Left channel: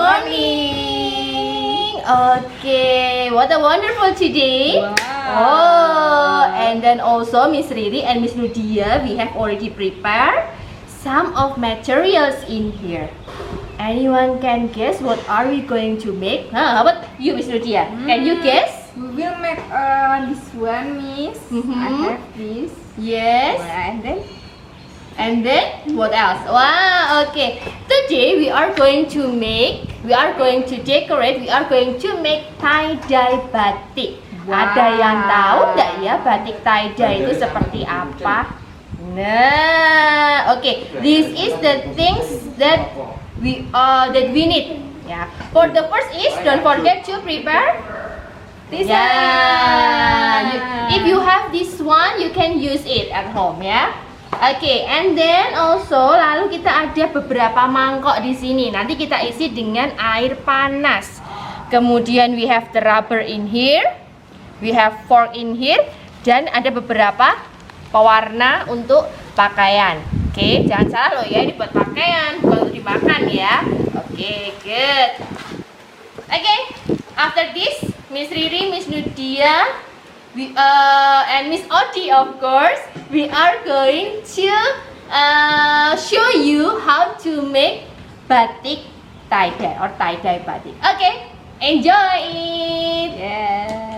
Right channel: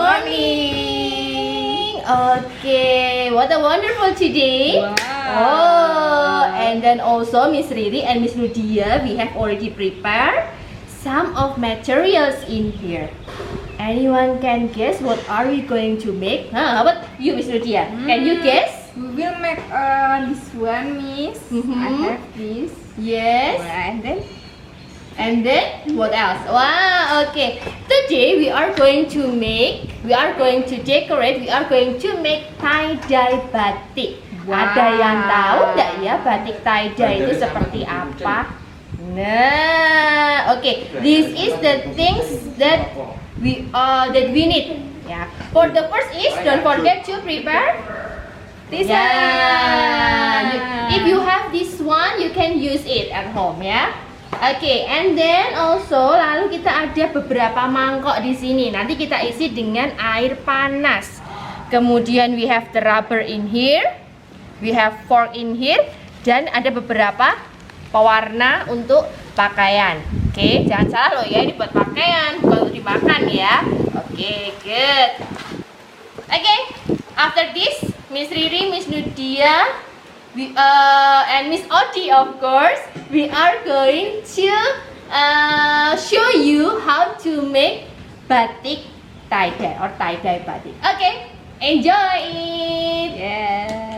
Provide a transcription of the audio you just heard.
morning. Okay, what a wonderful today. Wow. Oh, and then also Miss Riri and Miss Nudia, we have already prepared some of materials in here. Anyone can guess what are we going to make? How about you, Miss Nudia? Can you guess? We will make this one, Miss. I have this. Yes. And then what else? Wow, okay. Today we are going to decorate, we are going to make tie-dye batik. Wow. Ada yang tahu nggak ya batik tie-dye itu seperti apa? Nah, okay. This is the things that we need. Yeah. For the first is, don't forget to prepare this one. If you have this one, you can use it at home, ya. Oke, and then also lalu kita ada beberapa mangkok di sini. Nanti kita isi dengan air panas. Kemudian we have the rubber in here, we have fork in here, dan ada beberapa pewarna untuk pakaian. Oke, jangan salah loh ya, ini buat pakaian, bukan untuk dimakan ya. Oke, good. Oke, after this, Miss Riri, Miss Nudia, and Miss Odi, of course, we are going to show you how to make batik tie-dye or tie-dye batik. Okay, enjoy it. Yeah.